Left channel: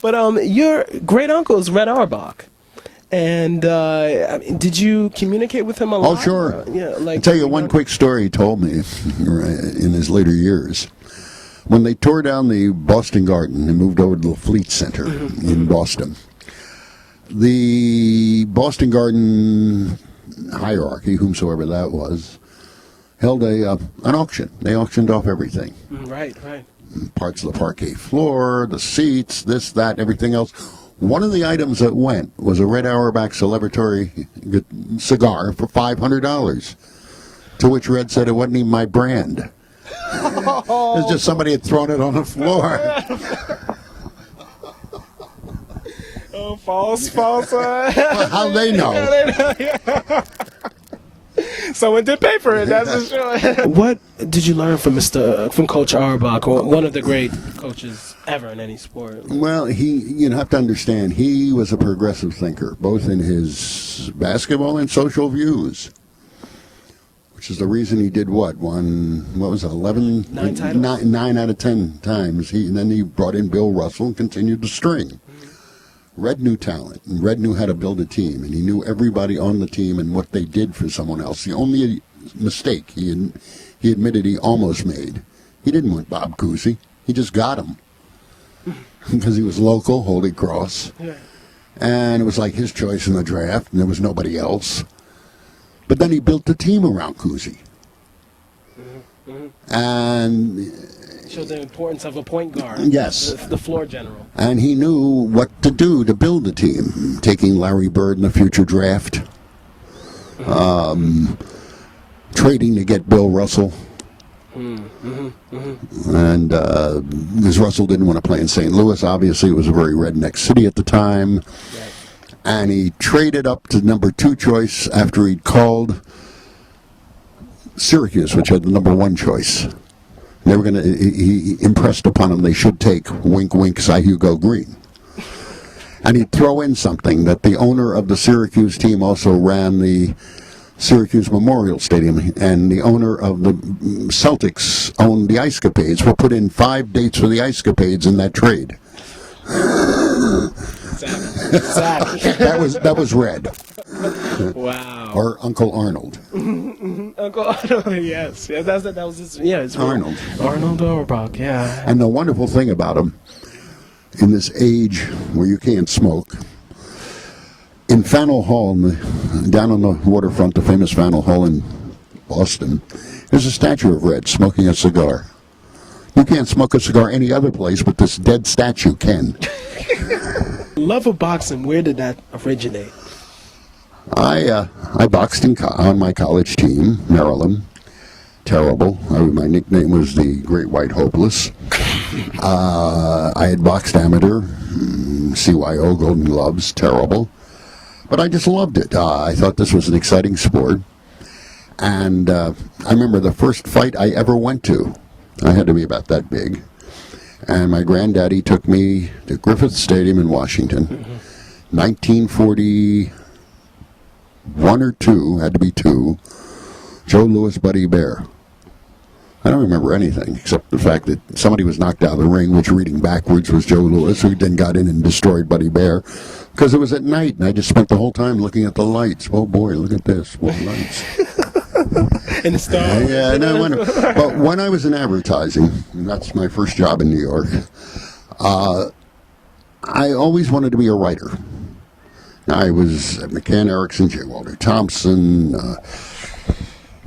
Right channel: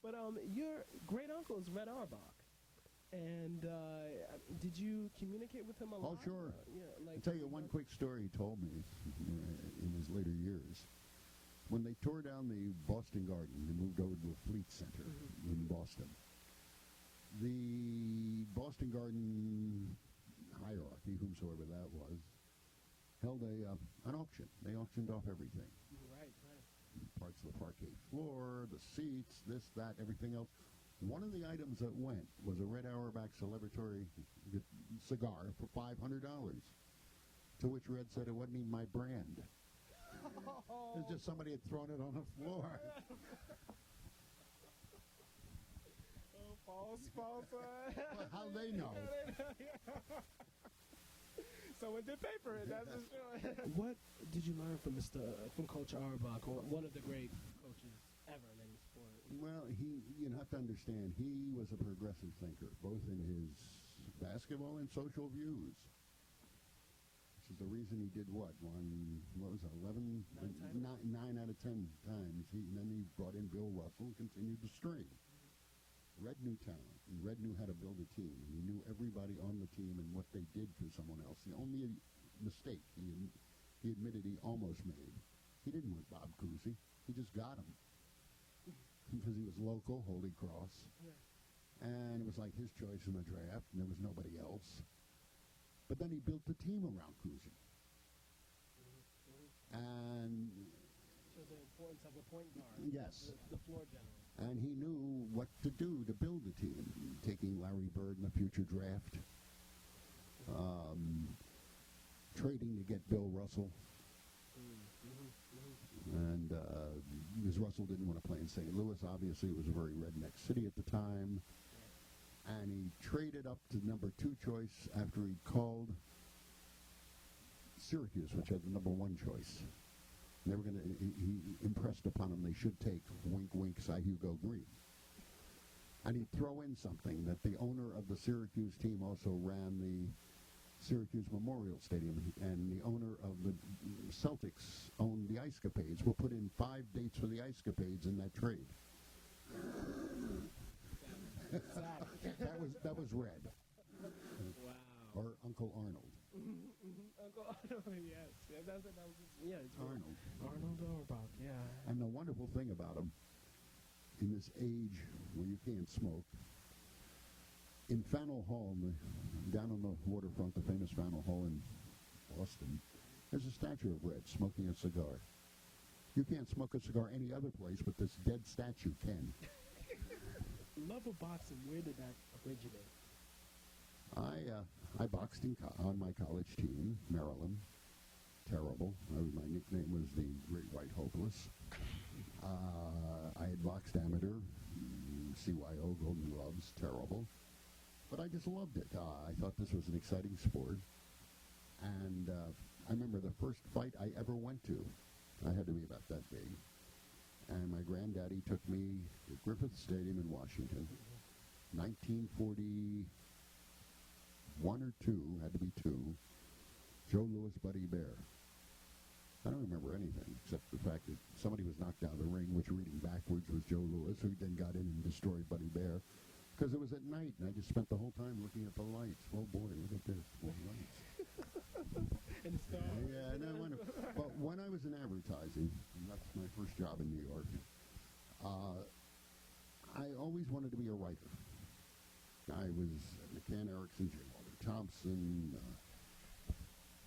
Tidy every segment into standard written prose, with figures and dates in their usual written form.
But your great uncle is Red Auerbach. And I mean, did you communicate with him a lot? Oh, sure. Yeah, like I'll tell you one quick story he told me in his later years. When they tore down the Boston Garden and moved over to the Fleet Center in Boston, the Boston Garden hierarchy, whomsoever that was, held an auction. They auctioned off everything. Right, right. Parts of the parquet floor, the seats, this, that, everything else. One of the items that went was a Red Auerbach celebratory cigar for $500, to which Red said it wasn't even my brand. It was just somebody had thrown it on the floor. Oh, false. Well, how'd they know? Someone did pay for it, that's for sure. What did you learn from from Coach Auerbach, one of the great coaches ever in any sport? Well, you have to understand, he was a progressive thinker, both in his basketball and social views, which is the reason he did what was it, 11? 9 titles? 9 out of 10 times. And then he brought in Bill Russell and continued the string. Red knew talent, and Red knew how to build a team, and he knew everybody on the team and what they did for someone else. The only mistake he admitted he almost made, he didn't want Bob Cousy. He just got him because he was local, Holy Cross, and it was like his choice in the draft, and there was nobody else. But then he built the team around Cousy, and showed the importance of a point guard. Yes. The floor general. And he knew what to do to build a team, taking Larry Bird in the future draft, trading to get Bill Russell. And because Russell didn't want to play in St. Louis, obviously it was a very redneck city at the time. Right. And he traded up to number 2 choice after he'd called Syracuse, which had the number 1 choice. They were he impressed upon them they should take, wink, wink, Cy Hugo Green. And he'd throw in something that the owner of the Syracuse team also ran the Syracuse Memorial Stadium, and the owner of the Celtics owned the Ice Capades. We'll put in 5 dates for the Ice Capades in that trade. Exactly. That was Red. Wow. Or Uncle Arnold. Uncle Arnold, yes. Yeah, that was his, it's Arnold. Arnold Auerbach, yeah. And the wonderful thing about him, in this age where you can't smoke, in Faneuil Hall, down on the waterfront, the famous Faneuil Hall in Boston, there's a statue of Red smoking a cigar. You can't smoke a cigar any other place, but this dead statue can. Love of boxing, where did that originate? I boxed on my college team, Maryland. Terrible. My nickname was the Great White Hopeless. I had boxed amateur, CYO, Golden Gloves, terrible. But I just loved it. I thought this was an exciting sport. And I remember the first fight I ever went to. I had to be about that big. And my granddaddy took me to Griffith Stadium in Washington, 1941 or 2, had to be 2, Joe Louis, Buddy Bear. I don't remember anything except the fact that somebody was knocked out of the ring, which reading backwards was Joe Louis, who then got in and destroyed Buddy Bear, because it was at night, and I just spent the whole time looking at the lights. Oh boy, look at this, what lights. In the stars. Yeah, no, but when I was in advertising, and that's my first job in New York, I always wanted to be a writer. I was at McCann Erickson, J. Walter Thompson,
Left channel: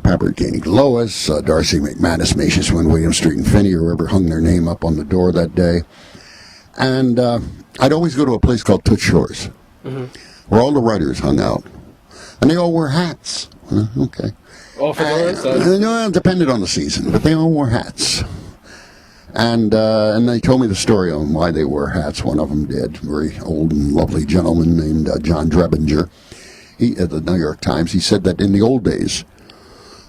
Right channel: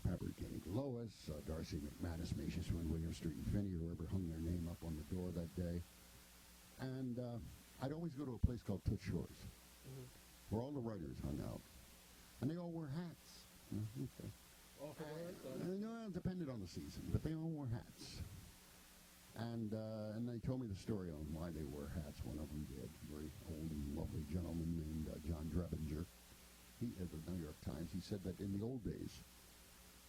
Pabert Koenig Lois, Darcy McManus, Macius Wynn, William Street, and Finney, or whoever hung their name up on the door that day. And I'd always go to a place called Toots Shores, where all the writers hung out. And they all wore hats. Okay. All for doors? No, it depended on the season, but they all wore hats. And they told me the story on why they wore hats. One of them did. A very old and lovely gentleman named John Drebinger. He, at the New York Times, he said that in the old days,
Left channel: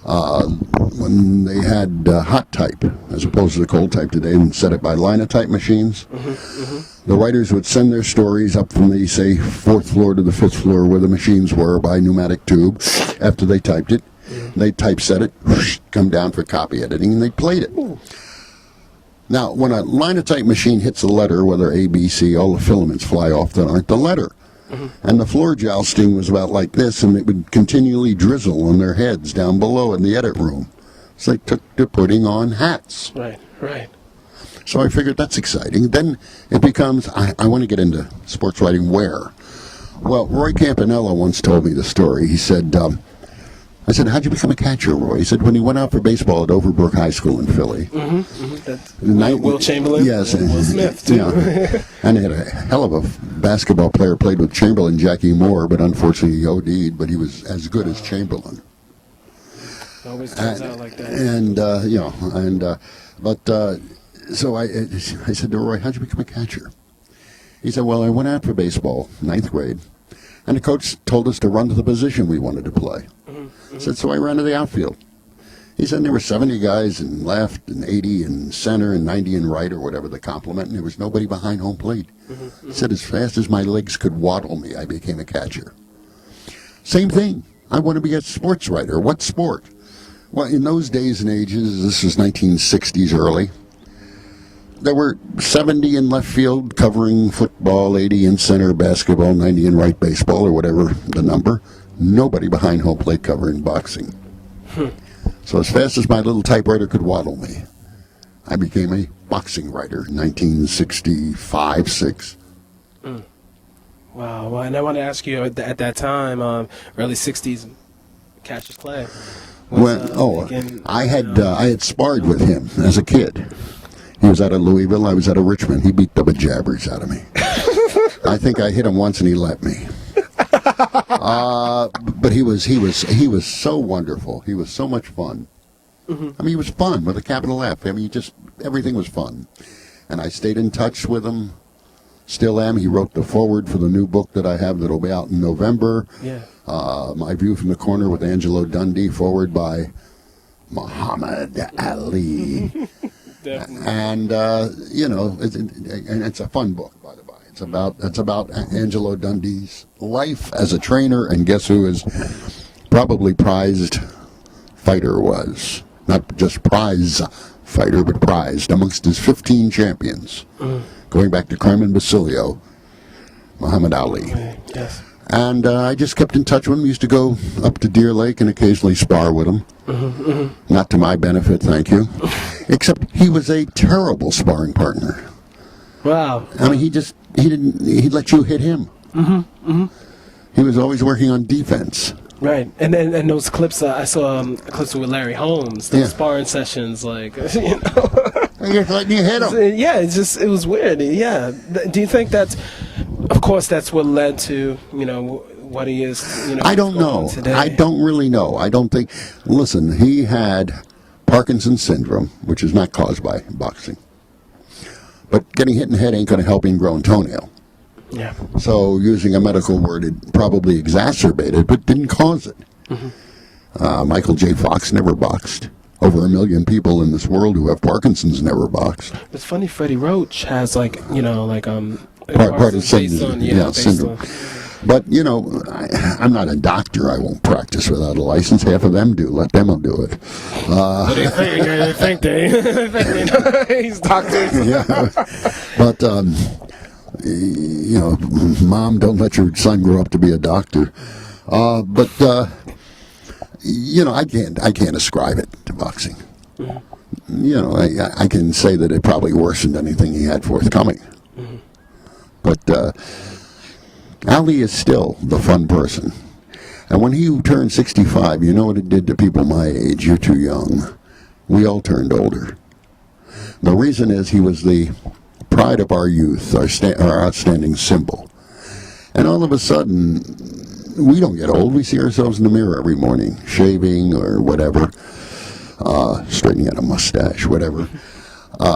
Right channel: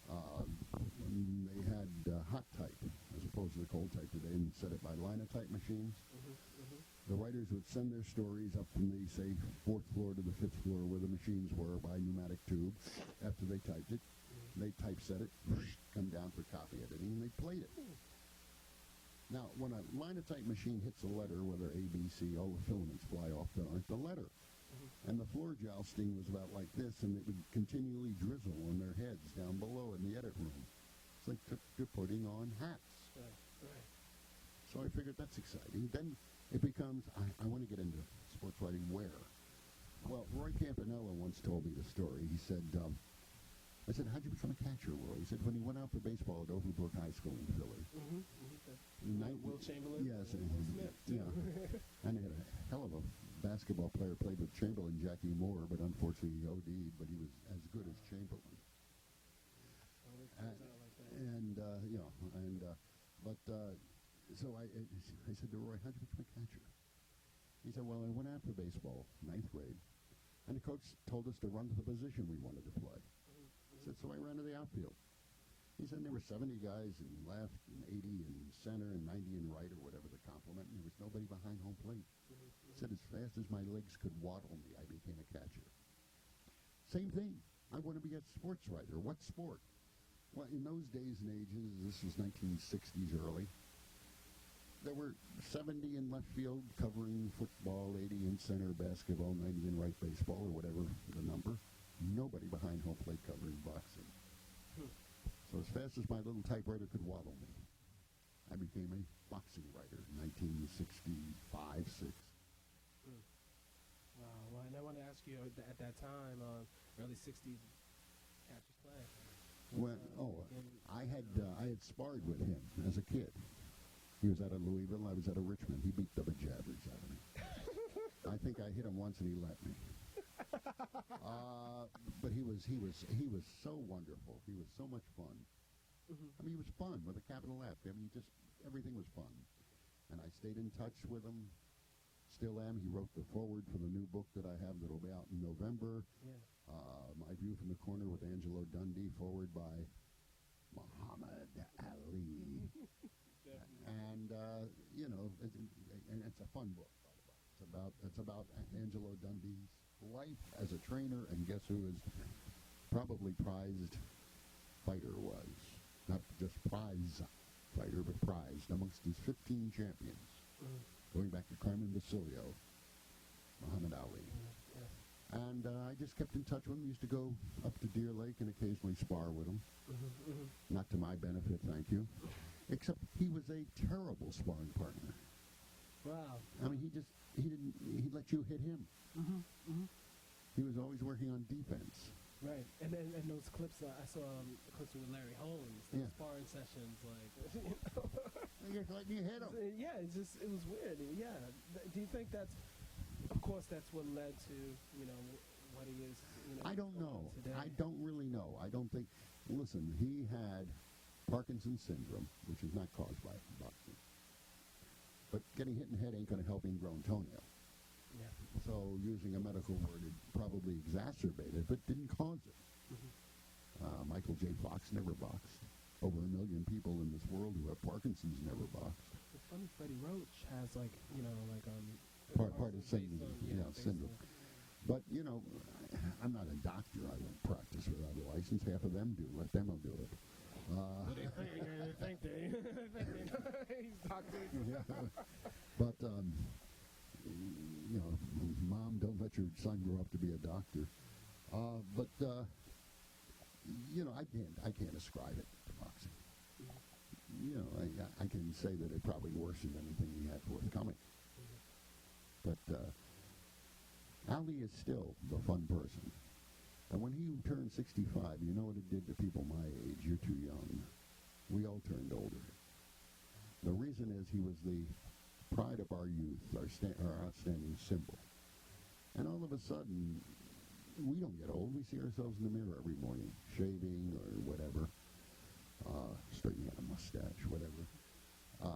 when they had hot type, as opposed to the cold type today, and set it by linotype machines, the writers would send their stories up from the, say, 4th floor to the 5th floor where the machines were by pneumatic tube. After they typed it, they typeset it, come down for copy editing, and they played it. Now, when a linotype machine hits a letter, whether A, B, C, all the filaments fly off that aren't the letter. And the floor jousting was about like this, and it would continually drizzle on their heads down below in the edit room. So they took to putting on hats. Right, right. So I figured that's exciting. Then it becomes, I want to get into sports writing where? Well, Roy Campanella once told me the story. He said, I said, how'd you become a catcher, Roy? He said, when he went out for baseball at Overbrook High School in Philly. That's Will Chamberlain. Yes. And Will Smith, too. Yeah. And he had a hell of a basketball player, played with Chamberlain, Jackie Moore, but unfortunately he OD'd, but he was as good as Chamberlain. It always turns out like that. So I said to Roy, how'd you become a catcher? He said, well, I went out for baseball, 9th grade, and the coach told us to run to the position we wanted to play. I said, so I ran to the outfield. He said there were 70 guys in left and 80 in center and 90 in right or whatever the complement, and there was nobody behind home plate. He said as fast as my legs could waddle me, I became a catcher. Same thing. I want to be a sports writer. What sport? Well, in those days and ages, this was 1960s early, there were 70 in left field covering football, 80 in center basketball, 90 in right baseball, or whatever the number. Nobody behind home plate covering boxing. So as fast as my little typewriter could waddle me, I became a boxing writer, 1965, 6. Wow. Well, and I want to ask you, at that time, early 60s, Cassius Clay. I had sparred with him as a kid. He was out of Louisville, I was out of Richmond. He beat the bejabbers out of me. I think I hit him once and he let me. But he was so wonderful. He was so much fun. I mean, he was fun with a capital F. I mean, everything was fun. And I stayed in touch with him. Still am. He wrote the foreword for the new book that I have that'll be out in November. Yeah. My View from the Corner with Angelo Dundee, foreword by Muhammad Ali. Definitely. And it's a fun book, by the by. It's about Angelo Dundee's life as a trainer, and guess who his probably prized fighter was? Not just prize fighter, but prized amongst his 15 champions, going back to Carmen Basilio, Muhammad Ali. Yes. And I just kept in touch with him. Used to go up to Deer Lake and occasionally spar with him. Not to my benefit, thank you. Except he was a terrible sparring partner. Wow. I mean, he'd let you hit him. He was always working on defense. Right, and those clips, I saw clips with Larry Holmes, the sparring sessions, like, you know. Just letting you hit him. Yeah, it was weird. Yeah. Do you think that's what led to, what he is, I don't know. today? I don't really know. I don't think, listen, he had Parkinson's syndrome, which is not caused by boxing. But getting hit in the head ain't going to help ingrown toenail. Yeah. So using a medical word, it probably exacerbated, but didn't cause it. Michael J. Fox never boxed. Over 1 million people in this world who have Parkinson's never boxed. It's funny, Freddie Roach has part of syndrome. But, I'm not a doctor. I won't practice without a license. Half of them do. Let them do it. What do you think? I think they he's doctors. Yeah. But, Mom, don't let your son grow up to be a doctor. I can't ascribe it to boxing. I can say that it probably worsened anything he had forthcoming. But Ali is still the fun person. And when he turned 65, you know what it did to people my age? You're too young. We all turned older. The reason is he was the pride of our youth, our outstanding symbol. And all of a sudden, we don't get old. We see ourselves in the mirror every morning, shaving or whatever, straightening out a mustache, whatever.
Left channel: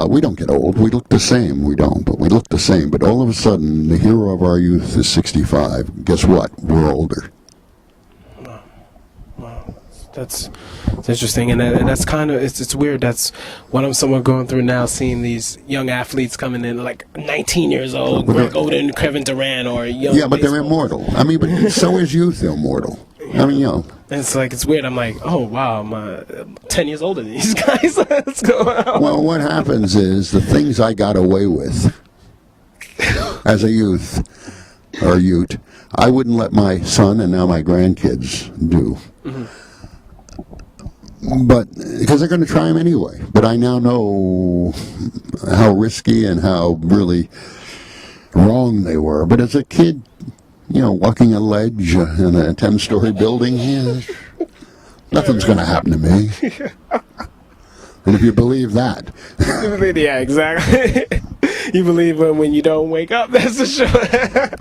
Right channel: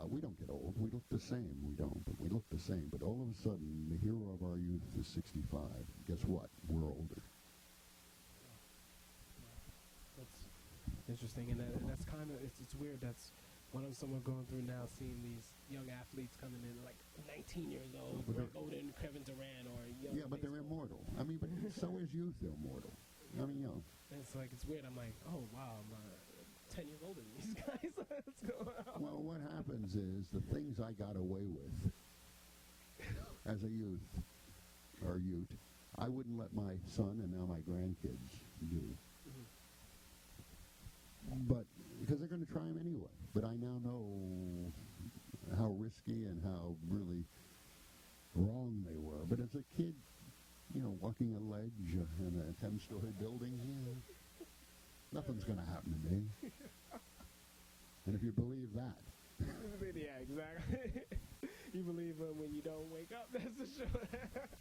We don't get old. We look the same. We don't, but we look the same. But all of a sudden, the hero of our youth is 65. Guess what? We're older. Wow. It's interesting, and that's kind of it's weird. That's what I'm somewhat going through now, seeing these young athletes coming in like 19 years old, Greg Oden, Kevin Durant, or young. Yeah, but they're immortal. I mean, but so is youth immortal. I mean, It's like, it's weird. I'm like, oh, wow, I'm 10 years older than these guys. What's going on? Well, what happens is the things I got away with as a youth, I wouldn't let my son and now my grandkids do. But because they're going to try them anyway. But I now know how risky and how really wrong they were. But as a kid, walking a ledge in a 10-story building, nothing's going to happen to me. And if you believe that. Yeah, exactly. You believe when you don't wake up, that's for sure.